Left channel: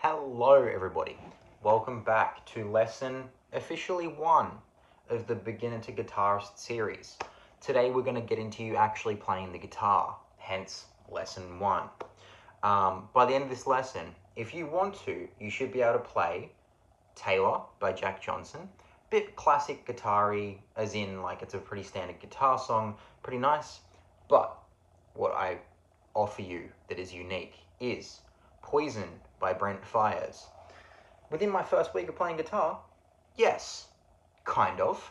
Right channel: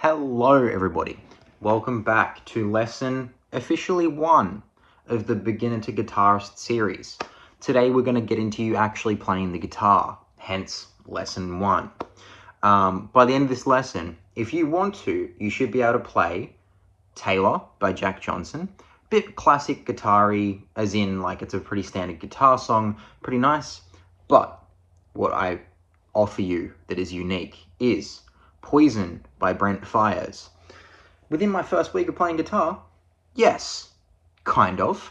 Hello everybody, welcome back to lesson officially 1 of the Beginner to Guitarist series. Today we're going to get into you actually playing the guitar, hence lesson 1. By the end of this lesson, if you want to, you should be able to play Taylor by Jack Johnson. Bit classic guitar-y, as in like it's a pretty standard guitar song, pretty nice. But what I offer you that is unique is Poison by Brent Faiyaz. Within my first week of playing guitar, yes, kind of.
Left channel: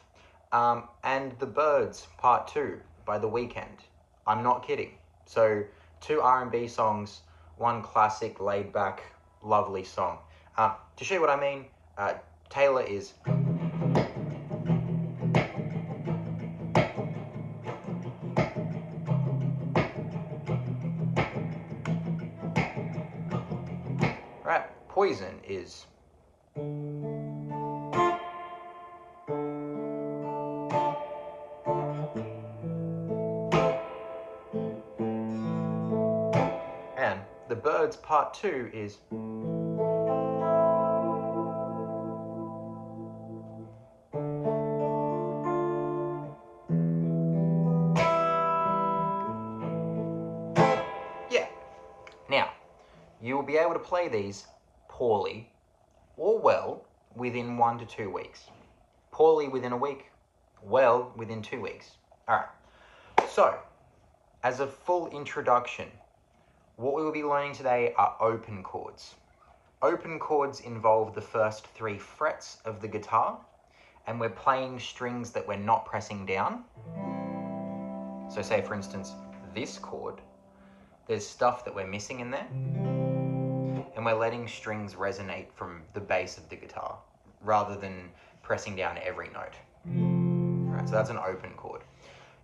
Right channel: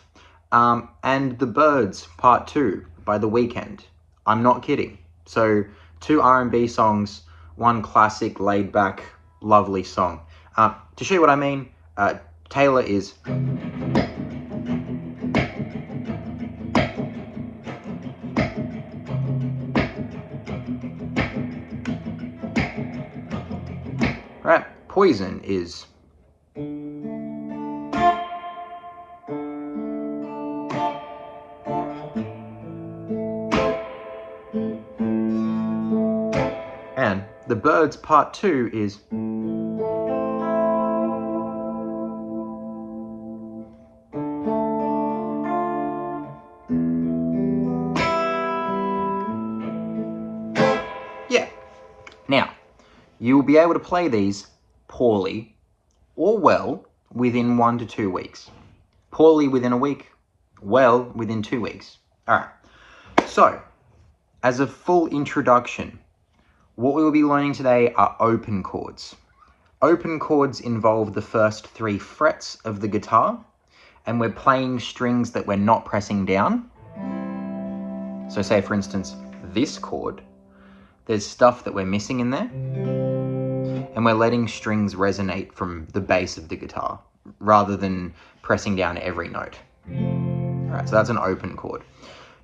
And The Birds Part 2 by The Weeknd. I'm not kidding. So 2 R&B songs, 1 classic, laid-back, lovely song. To show you what I mean, Taylor is... Right, Poison is... And The Birds Part 2 is... Yeah. Now, you'll be able to play these poorly or well within 1 to 2 weeks. Poorly within a week, well within 2 weeks. All right. So, as a full introduction, what we will be learning today are open chords. Open chords involve the first 3 frets of the guitar, and we're playing strings that we're not pressing down. So say, for instance, this chord, there's stuff that we're missing in there, and we're letting strings resonate from the bass of the guitar, rather than pressing down every note. All right, so that's an open chord.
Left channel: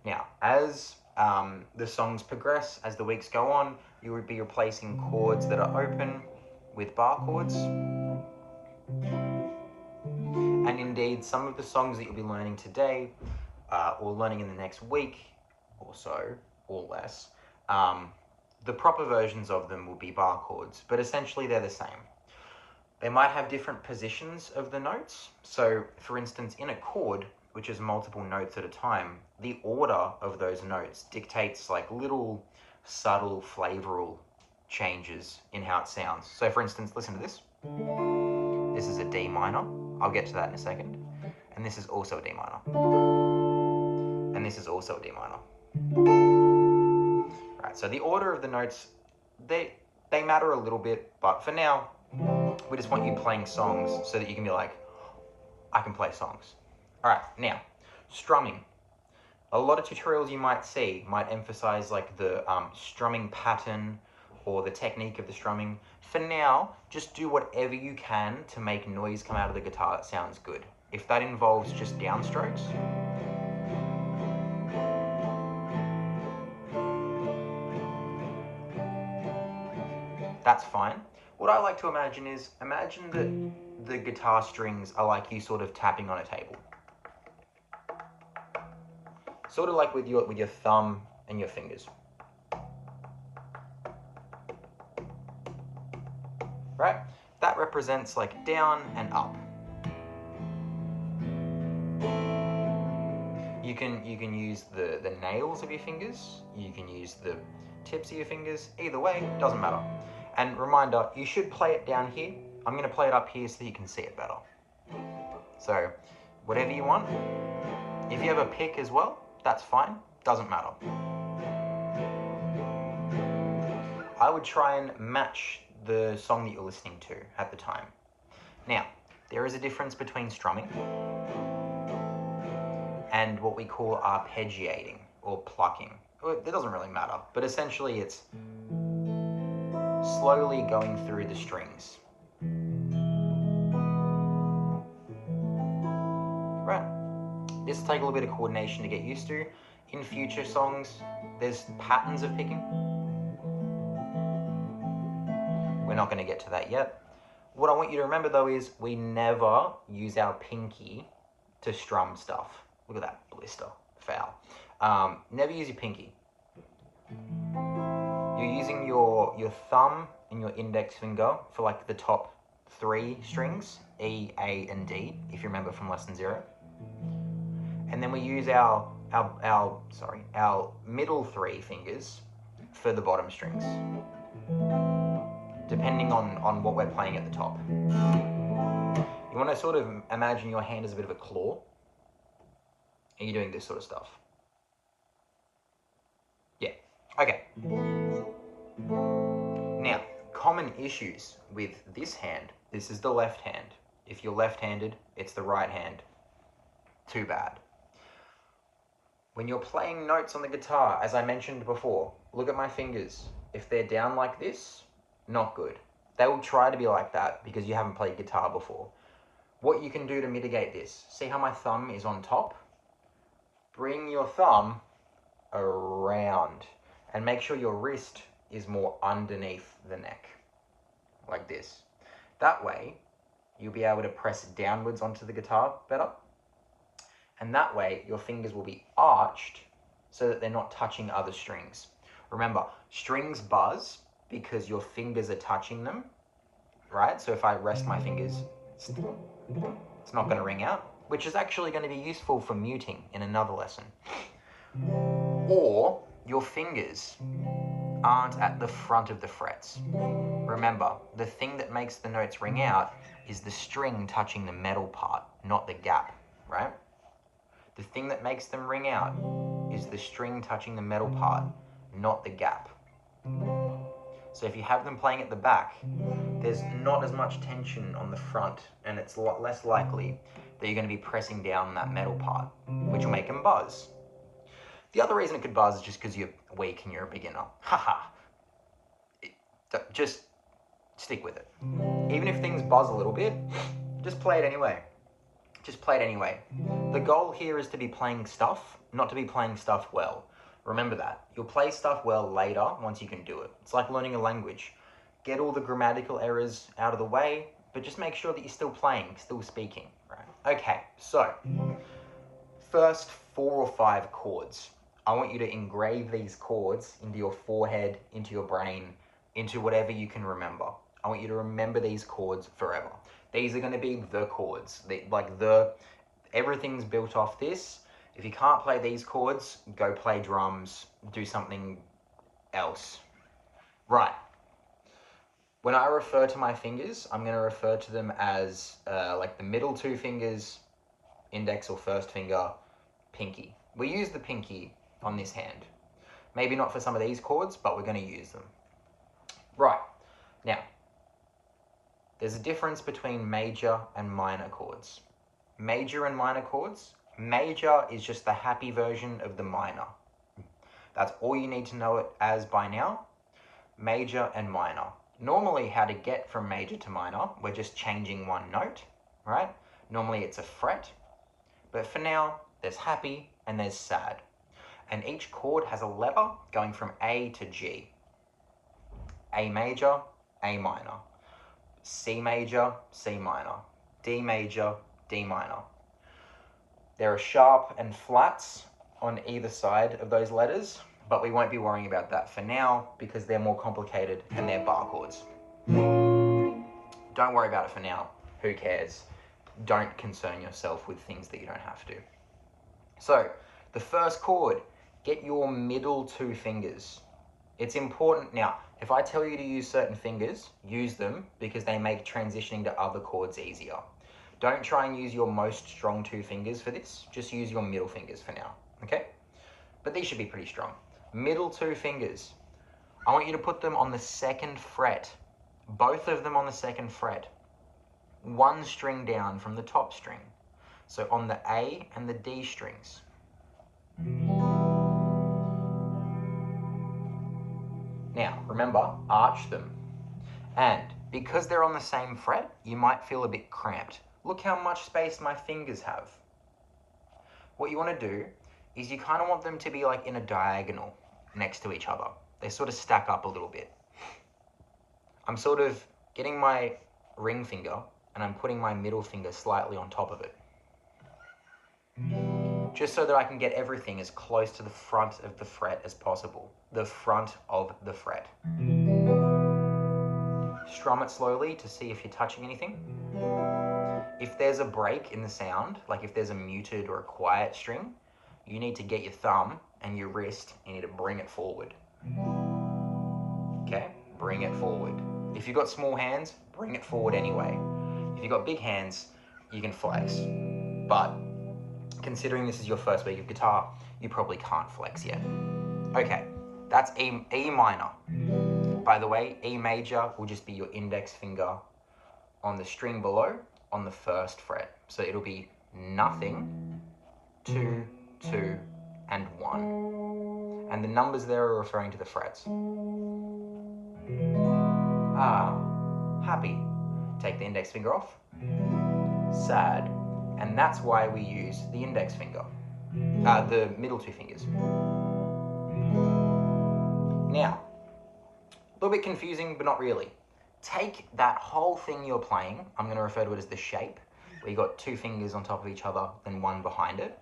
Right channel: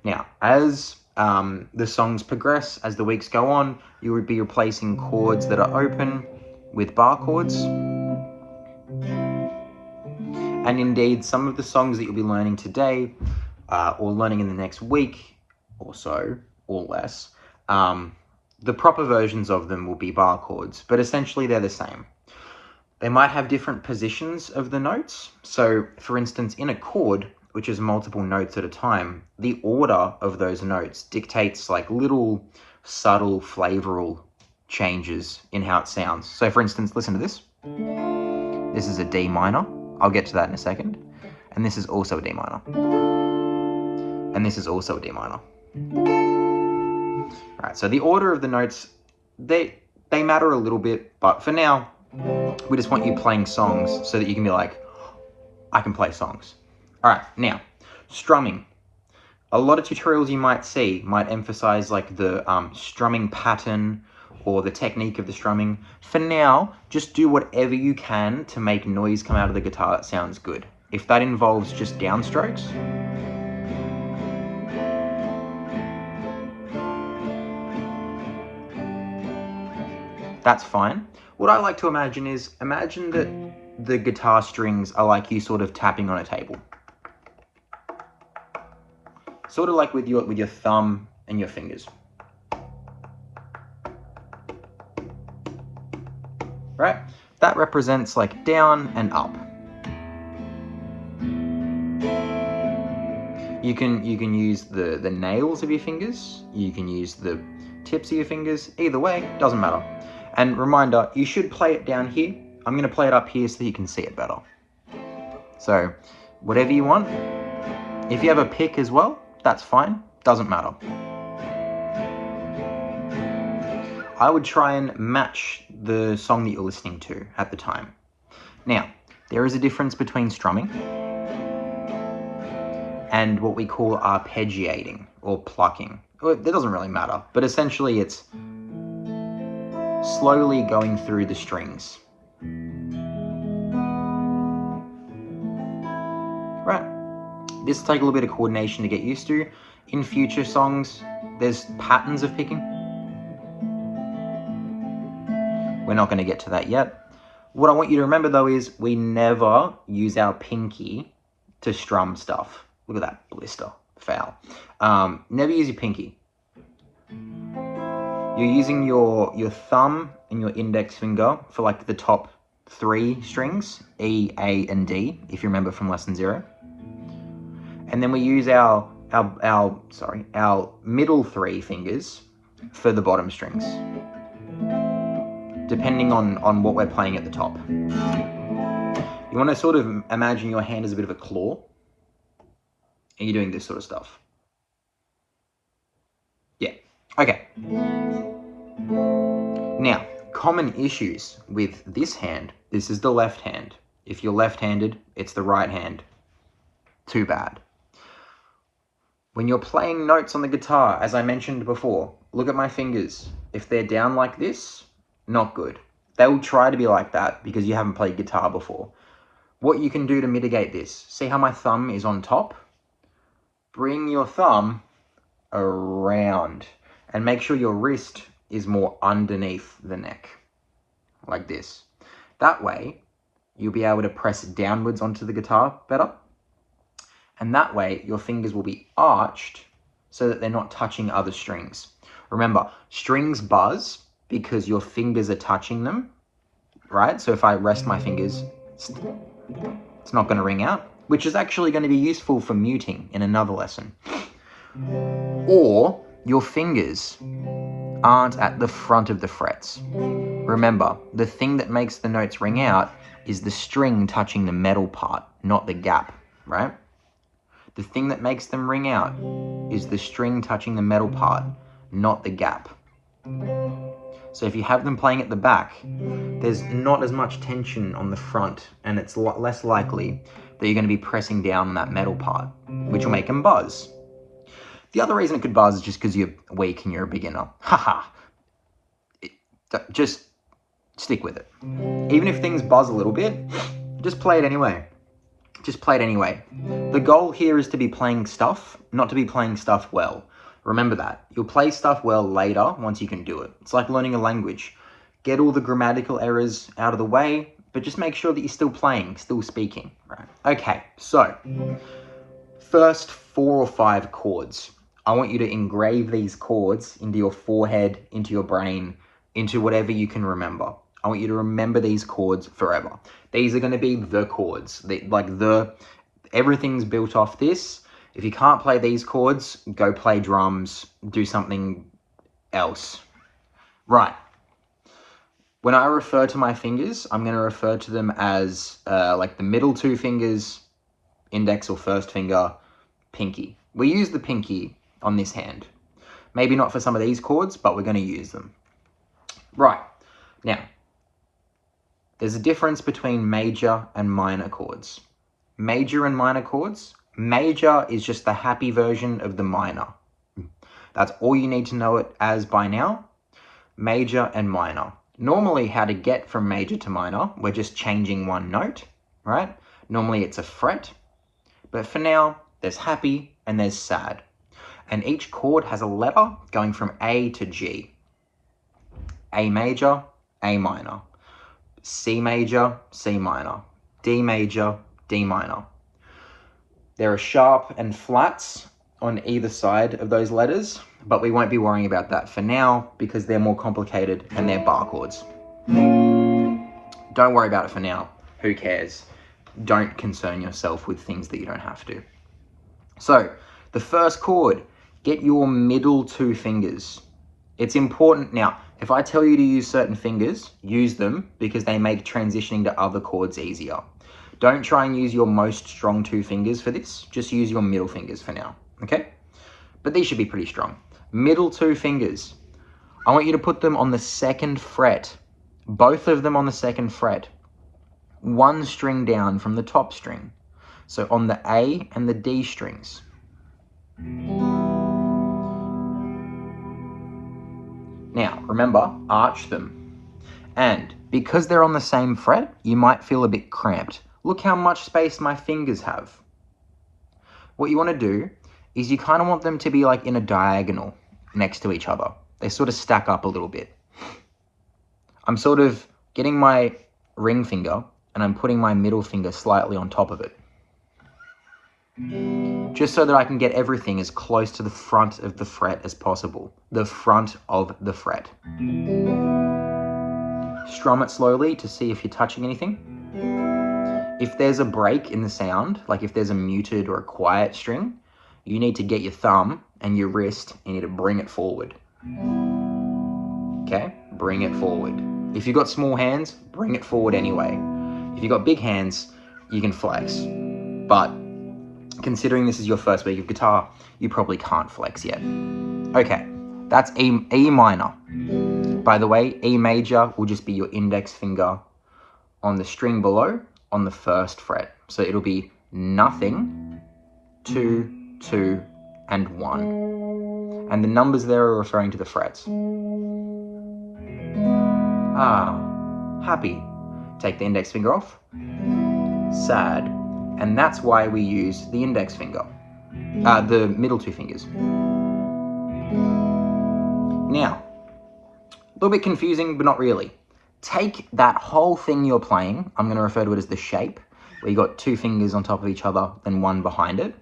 Now, as the songs progress, as the weeks go on, you would be replacing chords that are open with bar chords. And indeed, some of the songs that you'll be learning today, or learning in the next week or so, or less, the proper versions of them will be bar chords, but essentially they're the same. They might have different positions of the notes. So, for instance, in a chord, which is multiple notes at a time, the order of those notes dictates like little subtle flavoral changes in how it sounds. So for instance, listen to this. This is a D minor. I'll get to that in a second. And this is also a D minor. And this is also a D minor. All right, so the order of the notes, they matter a little bit, but for now, we just want you playing songs so that you can be like, I can play songs. All right, now, strumming. A lot of tutorials you might see might emphasize like the strumming pattern or the technique of the strumming. For now, just do whatever you can to make noise come out of the guitar that sounds good. If that involves just downstrokes, that's fine. What I like to imagine is, imagine that the guitar strings are like you sort of tapping on a table. Sort of like with your thumb and your fingers. Right? That represents like down and up. You can use the nails of your fingers, you can use the tips of your fingers, either way, doesn't matter. And reminder, you should play it down here. I'm gonna play it up here so that you can see it better. So, whatever you want. If you have a pick as well, that's fine, doesn't matter. I would try and match the song that you're listening to at the time. Now, there is a difference between strumming and what we call arpeggiating or plucking. It doesn't really matter, but essentially it's slowly going through the strings. Right. This will take a little bit of coordination to get used to. In future songs, there's patterns of picking. We're not going to get to that yet. What I want you to remember though is we never use our pinky to strum stuff. Look at that blister, foul. Never use your pinky. You're using your thumb and your index finger for like the top 3 strings, E, A, and D, if you remember from lesson 0. And then we use our middle 3 fingers for the bottom strings, depending on what we're playing at the top. You want to sort of imagine your hand as a bit of a claw, and you're doing this sort of stuff. Yeah, okay. Now, common issues with this hand. This is the left hand. If you're left-handed, it's the right hand. Too bad. When you're playing notes on the guitar, as I mentioned before, look at my fingers. If they're down like this, not good. They will try to be like that because you haven't played guitar before. What you can do to mitigate this, see how my thumb is on top? Bring your thumb around and make sure your wrist is more underneath the neck, like this. That way, you'll be able to press downwards onto the guitar better. And that way, your fingers will be arched so that they're not touching other strings. Remember, strings buzz because your fingers are touching them, right? So if I rest my fingers, it's not going to ring out, which is actually going to be useful for muting in another lesson. Or your fingers aren't at the front of the frets. Remember, the thing that makes the notes ring out is the string touching the metal part, not the gap, right? The thing that makes them ring out is the string touching the metal part, not the gap. So if you have them playing at the back, there's not as much tension on the front, and it's less likely that you're going to be pressing down on that metal part, which will make them buzz. The other reason it could buzz is just because you're weak and you're a beginner. Haha. Just stick with it. Even if things buzz a little bit, just play it anyway. Just play it anyway. The goal here is to be playing stuff, not to be playing stuff well. Remember that. You'll play stuff well later once you can do it. It's like learning a language. Get all the grammatical errors out of the way, but just make sure that you're still playing, still speaking. Right? Okay, so first 4 or 5 chords. I want you to engrave these chords into your forehead, into your brain, into whatever you can remember. I want you to remember these chords forever. These are going to be the chords. Everything's built off this. If you can't play these chords, go play drums, do something else. Right. When I refer to my fingers, I'm going to refer to them as like the middle 2 fingers, index or first finger, pinky. We use the pinky on this hand. Maybe not for some of these chords, but we're going to use them. Right. Now, there's a difference between major and minor chords. Major and minor chords. Major is just the happy version of the minor. That's all you need to know it as by now. Major and minor. Normally, how to get from major to minor, we're just changing one note, right? Normally, it's a fret. But for now, there's happy and there's sad. And each chord has a letter going from A to G. A major, A minor. C major, C minor. D major, D minor. There are sharp and flats on either side of those letters, but we won't be worrying about that for now because they're more complicated and they're bar chords. Don't worry about it for now. Who cares? Don't concern yourself with things that you don't have to. So, the first chord, get your middle 2 fingers. It's important. Now, if I tell you to use certain fingers, use them because they make transitioning to other chords easier. Don't try and use your most strong 2 fingers for this. Just use your middle fingers for now, okay? But these should be pretty strong. Middle 2 fingers. I want you to put them on the 2nd fret. Both of them on the 2nd fret. 1 string down from the top string. So on the A and the D strings. Now, remember, arch them. And because they're on the same fret, you might feel a bit cramped. Look how much space my fingers have. What you want to do is you kind of want them to be like in a diagonal next to each other. They sort of stack up a little bit. I'm sort of getting my ring finger and I'm putting my middle finger slightly on top of it. just so that I can get everything as close to the front of the fret as possible. The front of the fret. Strum it slowly to see if you're touching anything. If there's a break in the sound, like if there's a muted or a quiet string, you need to get your thumb and your wrist, you need to bring it forward. Okay, bring it forward. If you've got small hands, bring it forward anyway. If you've got big hands, you can flex. But considering this is your first week of guitar, you probably can't flex yet. Okay, that's E minor. By the way, E major will just be your index finger on the string below on the first fret. So it'll be nothing, 2, 2, and 1. And the numbers there are referring to the frets. Happy. Take the index finger off. Sad. And that's why we use the index finger. The middle two fingers. Now, a little bit confusing, but not really. Take that whole thing you're playing, I'm going to refer to it as the shape, where you got two fingers on top of each other, then one behind it.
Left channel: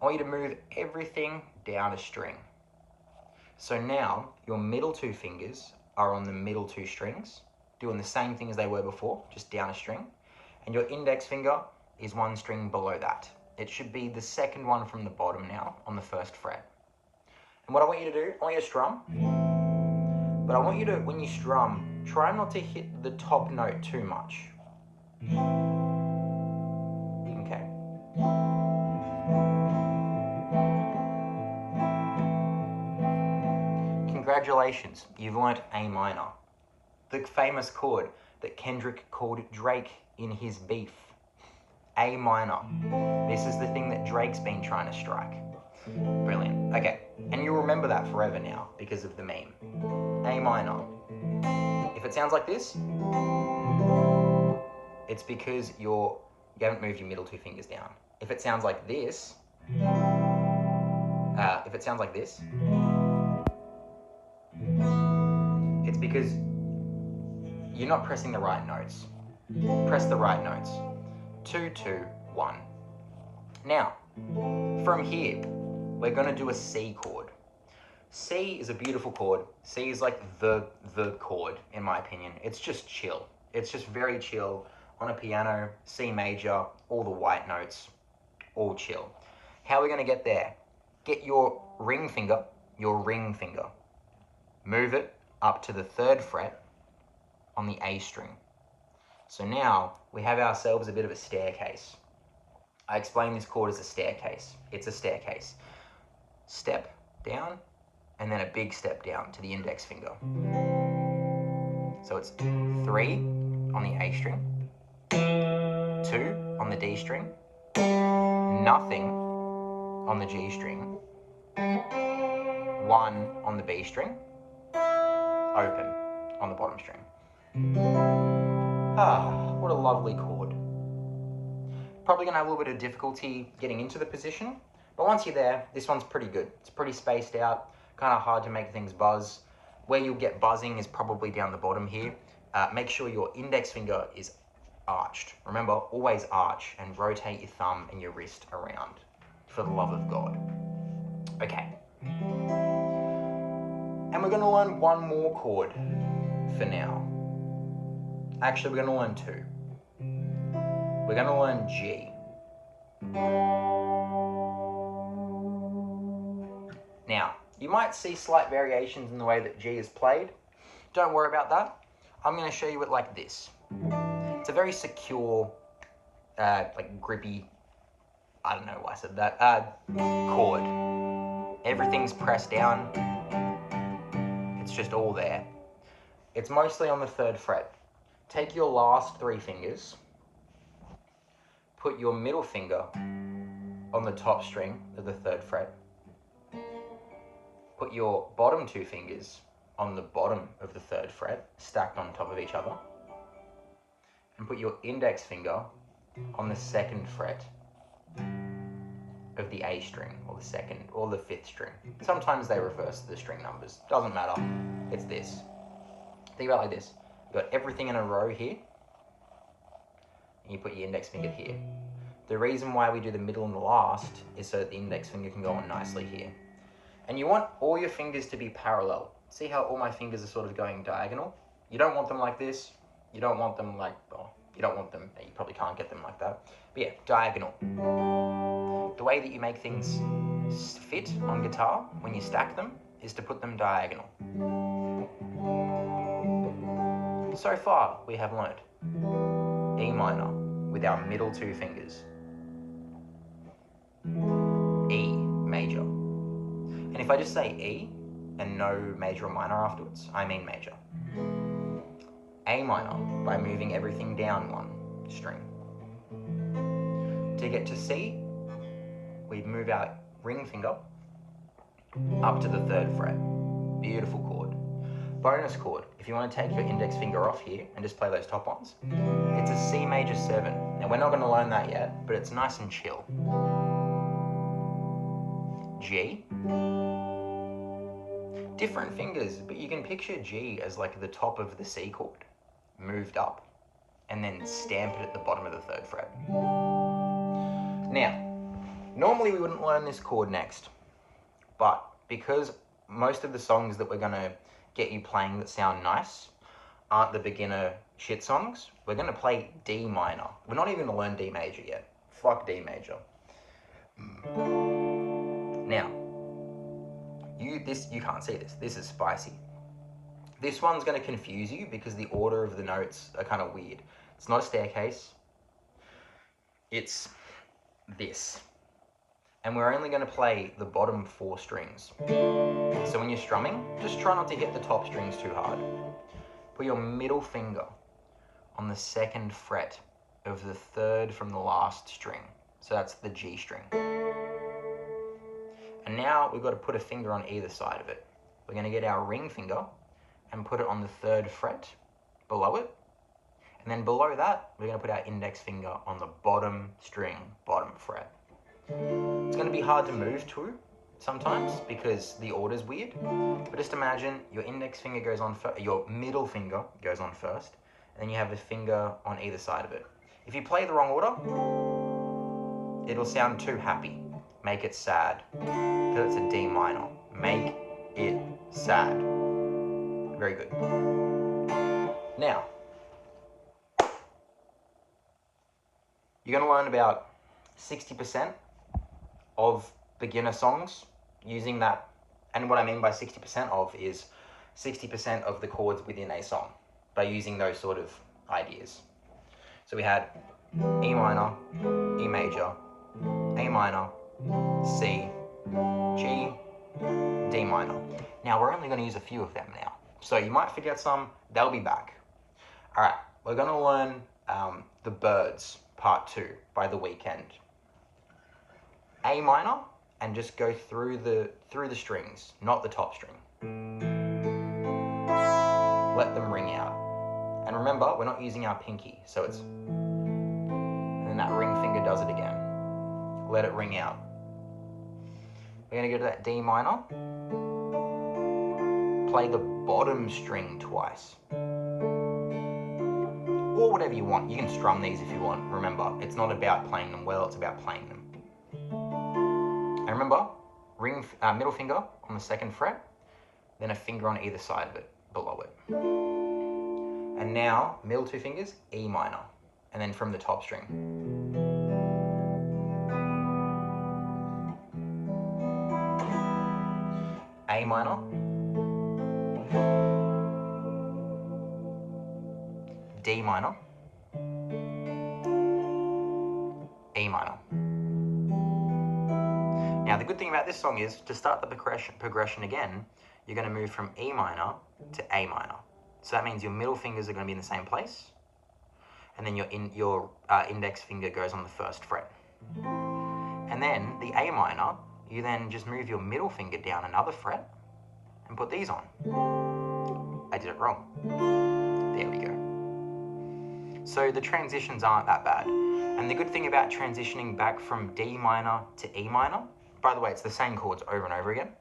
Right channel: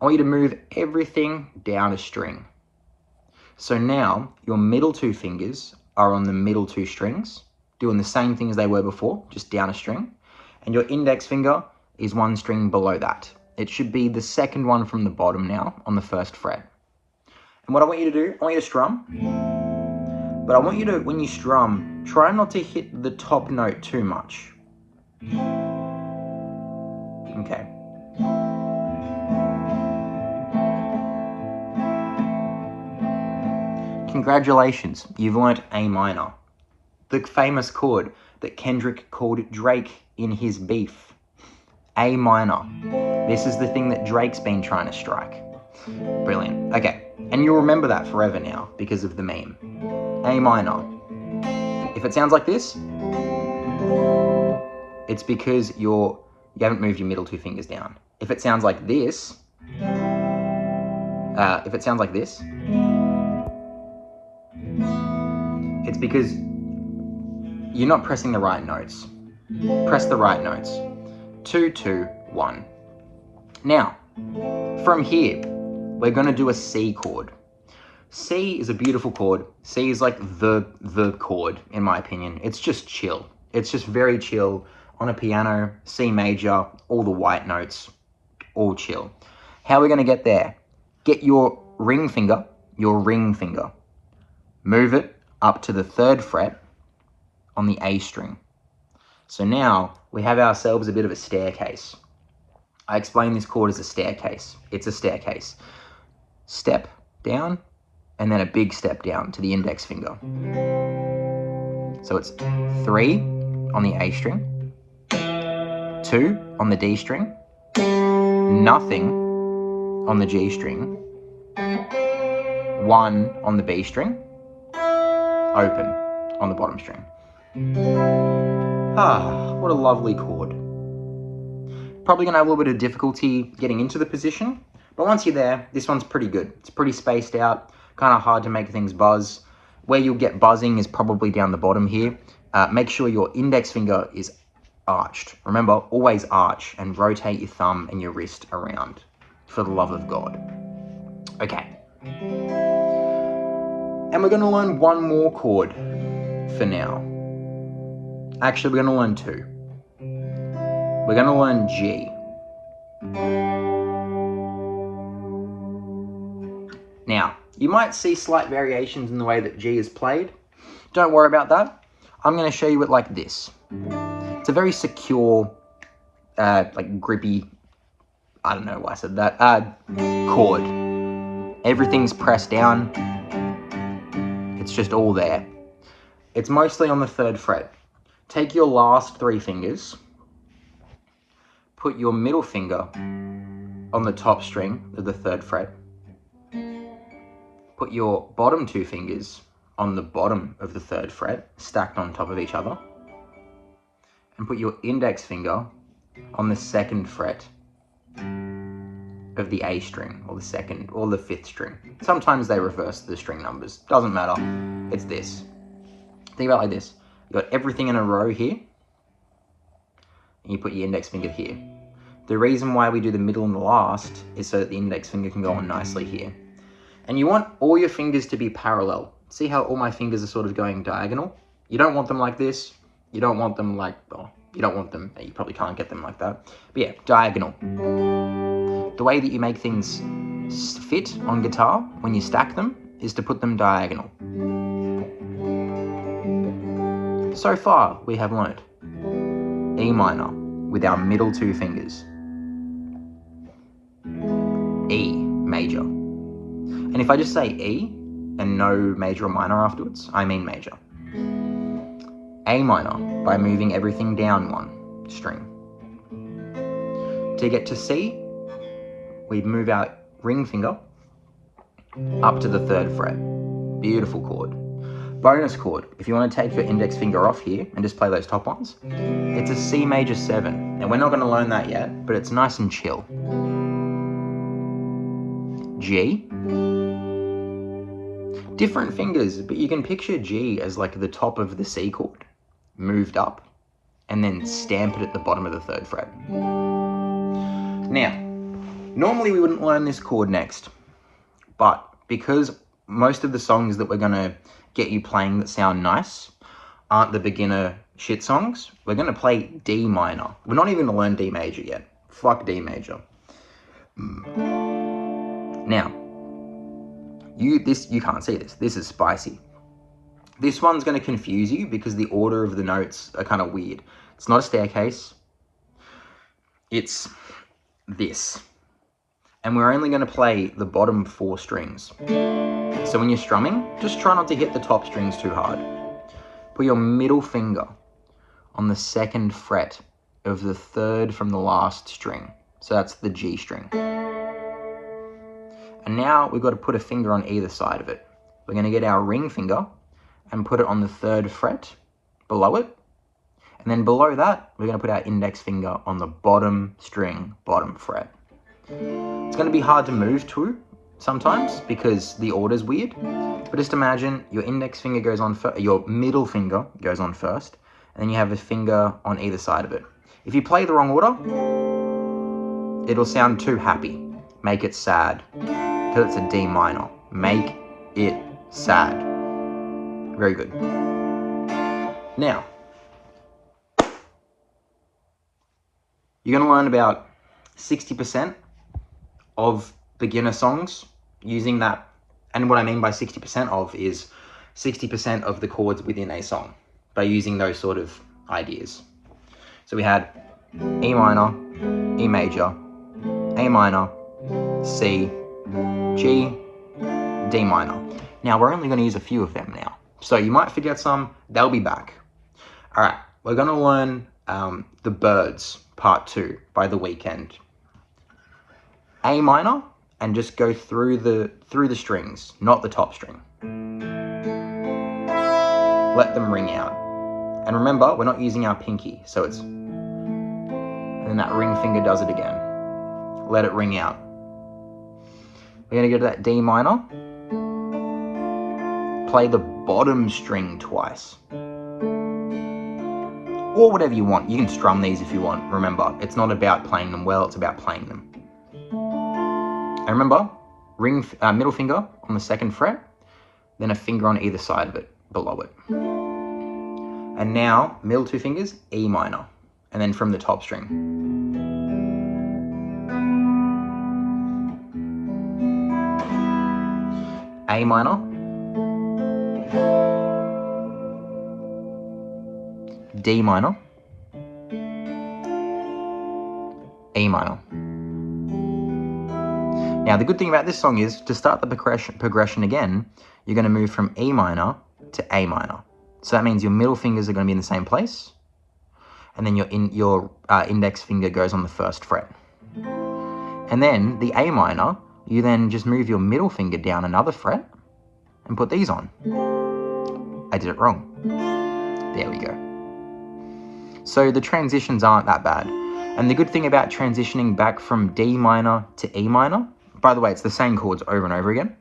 I want you to move everything down a string. So now, your middle two fingers are on the middle two strings, doing the same thing as they were before, just down a string. And your index finger is one string below that. It should be the second one from the bottom now, on the first fret. And what I want you to do, I want you to strum. But I want you to, when you strum, try not to hit the top note too much. Okay. Congratulations, you've learnt A minor. The famous chord that Kendrick called Drake in his beef. A minor. This is the thing that Drake's been trying to strike. Brilliant. Okay, and you'll remember that forever now because of the meme. A minor. If it sounds like this, it's because you haven't moved your middle two fingers down. If it sounds like this, it's because you're not pressing the right notes. Press the right notes. 2, 2, 1. Now, from here, we're going to do a C chord. C is a beautiful chord. C is like the chord, in my opinion. It's just chill. It's just very chill. On a piano, C major, all the white notes, all chill. How are we going to get there? Get your ring finger, move it up to the third fret on the A string. So now we have ourselves a bit of a staircase. I explain this chord as a staircase. It's a staircase. Step down, and then a big step down to the index finger. So it's 3 on the A string, 2 on the D string, nothing on the G string, 1 on the B string, open on the bottom string. What a lovely chord. Probably going to have a little bit of difficulty getting into the position, but once you're there, this one's pretty good. It's pretty spaced out, kind of hard to make things buzz. Where you'll get buzzing is probably down the bottom here. Make sure your index finger is arched. Remember, always arch and rotate your thumb and your wrist around, for the love of God. Okay. And we're going to learn one more chord for now. Actually, we're going to learn 2. We're going to learn G. Now, you might see slight variations in the way that G is played. Don't worry about that. I'm going to show you it like this. It's a very secure, like grippy, I don't know why I said that, chord. Everything's pressed down. It's just all there. It's mostly on the third fret. Take your last 3 fingers, put your middle finger on the top string of the third fret, put your bottom 2 fingers on the bottom of the third fret, stacked on top of each other, and put your index finger on the second fret of the A string, or the second, or the 5th string. Sometimes they reverse the string numbers, doesn't matter, it's this. Think about it like this. You've got everything in a row here, and you put your index finger here. The reason why we do the middle and the last is so that the index finger can go on nicely here. And you want all your fingers to be parallel. See how all my fingers are sort of going diagonal? You don't want them like this. You don't want them like, well, you don't want them, you probably can't get them like that. But yeah, diagonal. The way that you make things fit on guitar when you stack them is to put them diagonal. So far, we have learned E minor with our middle two fingers. E major. And if I just say E and no major or minor afterwards, I mean major. A minor by moving everything down one string. To get to C, we move our ring finger up to the 3rd fret. Beautiful chord. Bonus chord, if you want to take your index finger off here and just play those top ones, it's a C major 7. Now we're not going to learn that yet, but it's nice and chill. G. Different fingers, but you can picture G as like the top of the C chord, moved up, and then stamp it at the bottom of the 3rd fret. Now, normally we wouldn't learn this chord next, but because most of the songs that we're going to get you playing that sound nice aren't the beginner shit songs, we're going to play D minor. We're not even going to learn D major yet. Fuck D major. Now, you can't see this. This is spicy. This one's going to confuse you because the order of the notes are kind of weird. It's not a staircase. It's this. And we're only going to play the bottom 4 strings. So when you're strumming, just try not to hit the top strings too hard. Put your middle finger on the 2nd fret of the 3rd from the last string. So that's the G string. And now we've got to put a finger on either side of it. We're going to get our ring finger and put it on the 3rd fret below it. And then below that, we're going to put our index finger on the bottom string, bottom fret. It's going to be hard to move to sometimes because the order's weird. But just imagine your index finger goes on first, your middle finger goes on first, and then you have a finger on either side of it. If you play the wrong order, it'll sound too happy. Make it sad. Because it's a D minor. Make it sad. Very good. Now, you're going to learn about 60% of beginner songs using that. And what I mean by 60% of is 60% of the chords within a song by using those sort of ideas. So we had E minor, E major, A minor, C, G, D minor. Now we're only going to use a few of them now. So you might forget some, they'll be back. All right, we're going to learn The Birds, Part 2 by The Weeknd. A minor, and just go through the strings, not the top string. Let them ring out. And remember, we're not using our pinky, so it's... And then that ring finger does it again. Let it ring out. We're going to go to that D minor. Play the bottom string twice. Or whatever you want. You can strum these if you want. Remember, it's not about playing them well, it's about playing them. And remember, middle finger on the 2nd fret, then a finger on either side of it, below it. And now, middle 2 fingers, E minor, and then from the top string. A minor, D minor, E minor. Now, the good thing about this song is, to start the progression again, you're going to move from E minor to A minor. So that means your middle fingers are going to be in the same place, and then your index finger goes on the 1st fret. And then the A minor, you then just move your middle finger down another fret and put these on. I did it wrong. There we go. So the transitions aren't that bad. And the good thing about transitioning back from D minor to E minor, by the way, it's the same chords over and over again,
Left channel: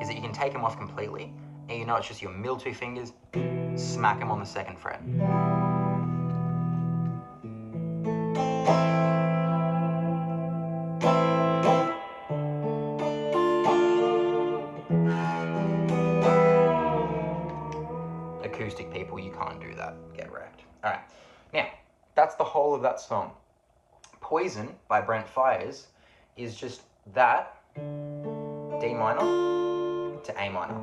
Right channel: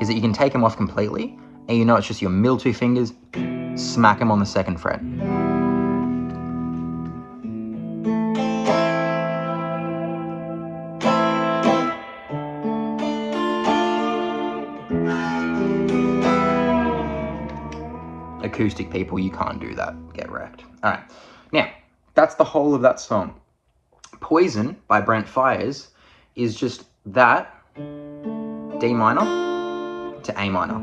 is that you can take them off completely, and you know it's just your middle 2 fingers, smack them on the 2nd fret. acoustic people, you can't do that. Get wrecked. All right. Now, that's the whole of that song. Poison by Brent Faiyaz is just that D minor to A minor.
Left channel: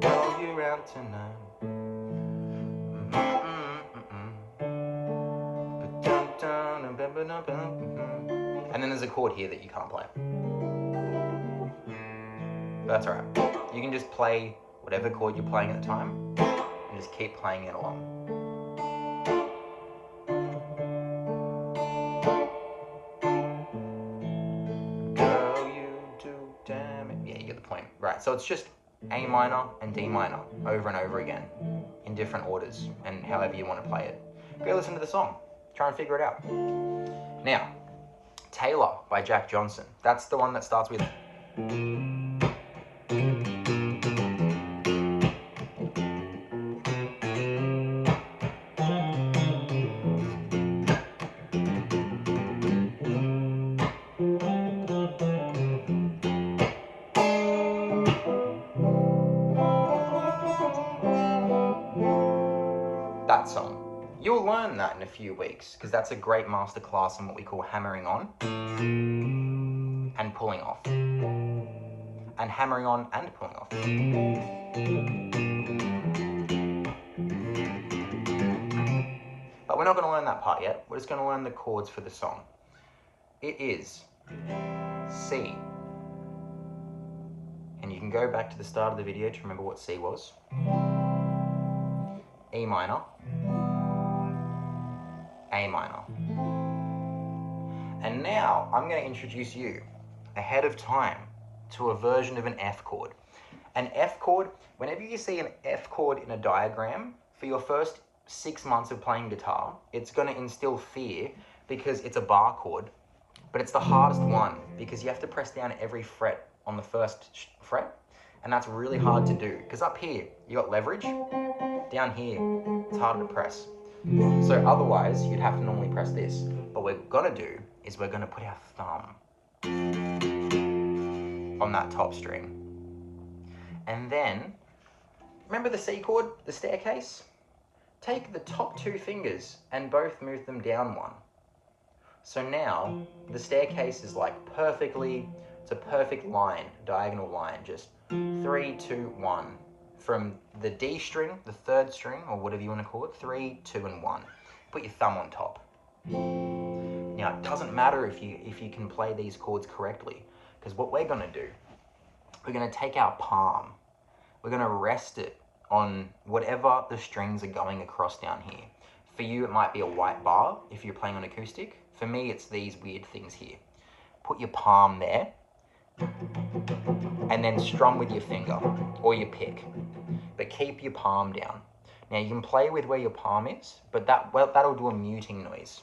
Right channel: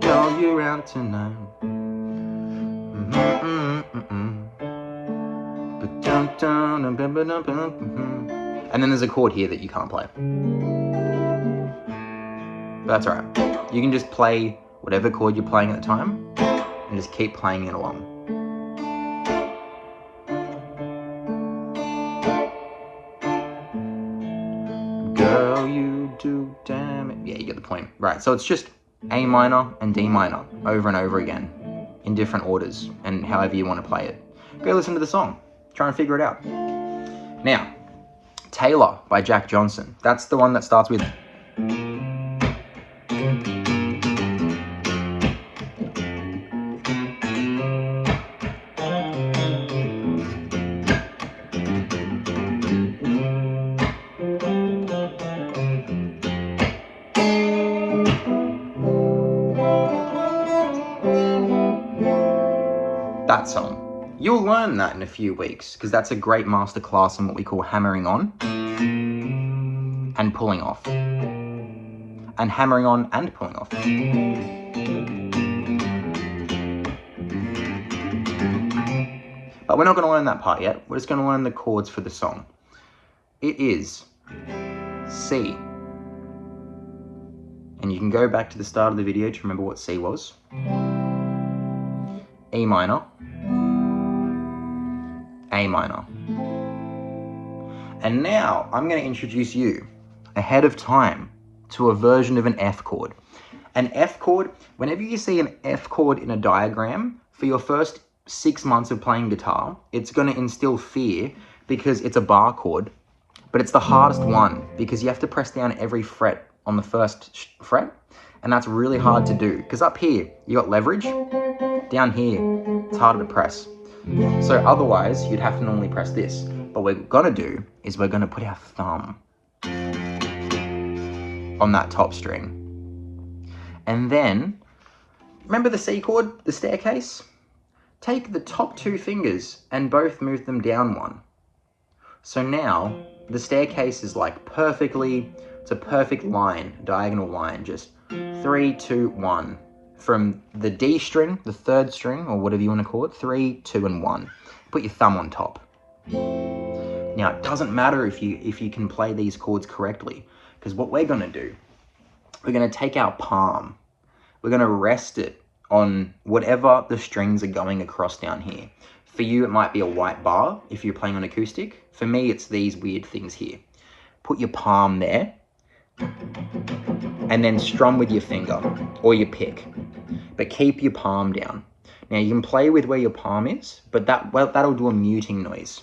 Call you out tonight. And then there's a chord here that you can't play. But that's alright. You can just play whatever chord you're playing at the time and just keep playing it along. Girl, you do damn it. Yeah, you get the point. Right, so it's just A minor and D minor over and over again in different orders and however you want to play it. Go listen to the song. Try and figure it out. Now, Taylor by Jack Johnson. That's the one that starts with... that song. You'll learn that in a few weeks because that's a great masterclass on what we call hammering on and pulling off. And hammering on and pulling off. But we're not going to learn that part yet. We're just going to learn the chords for the song. It is C. And you can go back to the start of the video to remember what C was. E minor. A minor. And now I'm going to introduce you ahead of time to a version of an F chord. An F chord, whenever you see an F chord in a diagram, for your first 6 months of playing guitar, it's going to instill fear because it's a bar chord, but it's the hardest one because you have to press down every fret on the first fret, and that's really hard to do because up here you got leverage, down here it's harder to press. So otherwise you'd have to normally press this, but what we're going to do is we're going to put our thumb on that top string. And then, remember the C chord, the staircase? Take the top 2 fingers and both move them down 1. So now, the staircase is like it's a perfect line, diagonal line, just 3, 2, 1. From the D string, the 3rd string, or whatever you want to call it, 3, 2, and 1. Put your thumb on top. Now, it doesn't matter if you can play these chords correctly, because what we're going to do, we're going to take our palm, we're going to rest it on whatever the strings are going across down here. For you, it might be a white bar if you're playing on acoustic. For me, it's these weird things here. Put your palm there, and then strum with your finger, or your pick. But keep your palm down. Now, you can play with where your palm is, but that'll do a muting noise.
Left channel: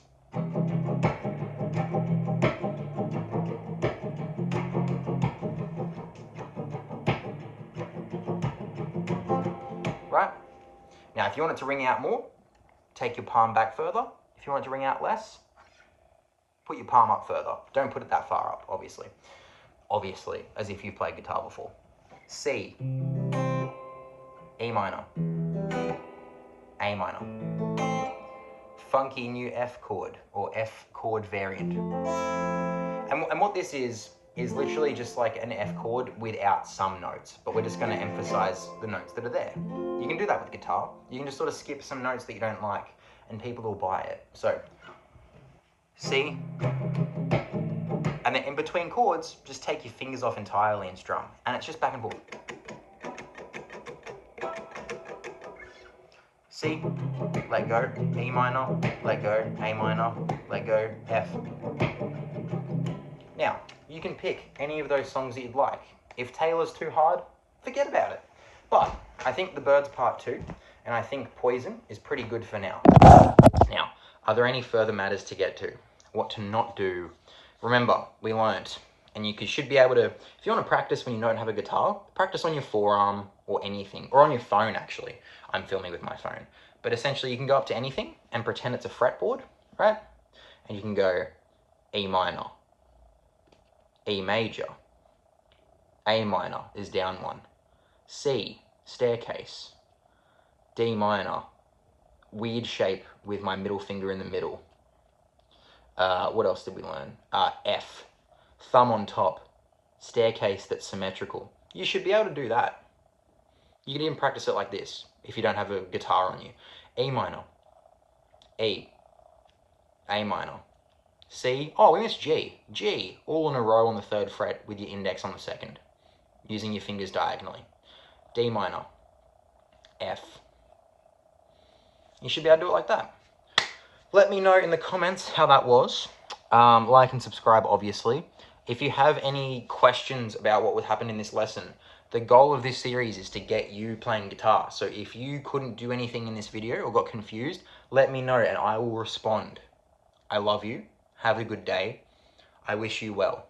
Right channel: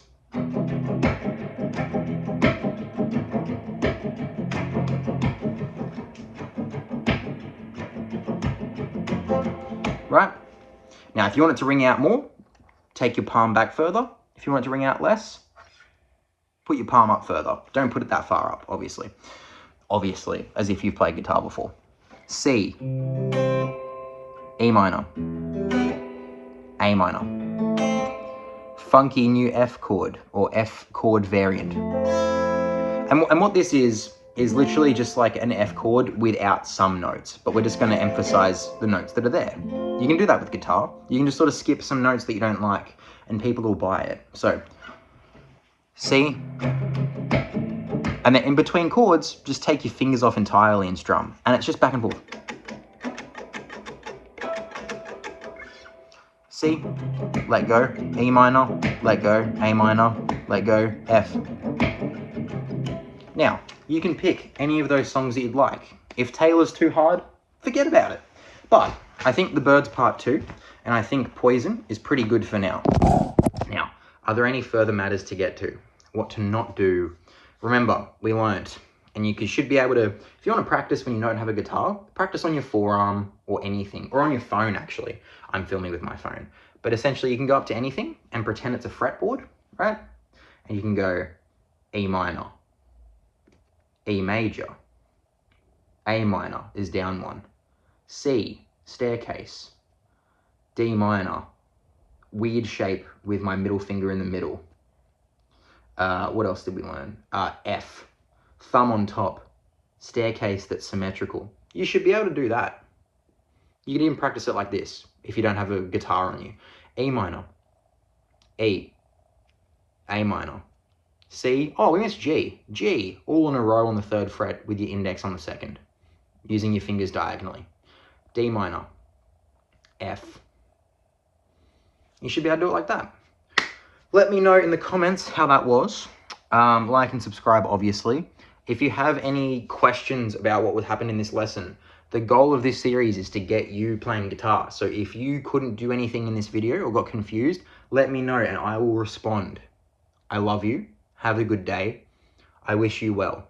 Right? Now, if you want it to ring out more, take your palm back further. If you want it to ring out less, put your palm up further. Don't put it that far up, obviously. Obviously, as if you've played guitar before. C. E minor. A minor. Funky new F chord, or F chord variant. And what this is literally just like an F chord without some notes, but we're just going to emphasize the notes that are there. You can do that with guitar. You can just sort of skip some notes that you don't like, and people will buy it. So, C, and then in between chords, just take your fingers off entirely and strum, and it's just back and forth. C, let go, E minor, let go, A minor, let go, F. Now, you can pick any of those songs that you'd like. If Taylor's too hard, forget about it. But I think The Birds Part 2, and I think Poison is pretty good for now. Now, are there any further matters to get to? What to not do? Remember, we learnt, and you should be able to, if you want to practice when you don't have a guitar, practice on your forearm or anything, or on your phone actually. I'm filming with my phone. But essentially you can go up to anything and pretend it's a fretboard, right? And you can go E minor, E major, A minor is down 1, C, staircase, D minor, weird shape with my middle finger in the middle. What else did we learn? F, thumb on top, staircase that's symmetrical. You should be able to do that. You can even practice it like this if you don't have a guitar on you. E minor, E, A minor, C. Oh, we missed G. G, all in a row on the 3rd fret with your index on the 2nd, using your fingers diagonally. D minor, F. You should be able to do it like that. Let me know in the comments how that was. Like and subscribe, obviously. If you have any questions about what would happen in this lesson, the goal of this series is to get you playing guitar. So if you couldn't do anything in this video or got confused, let me know and I will respond. I love you. Have a good day. I wish you well.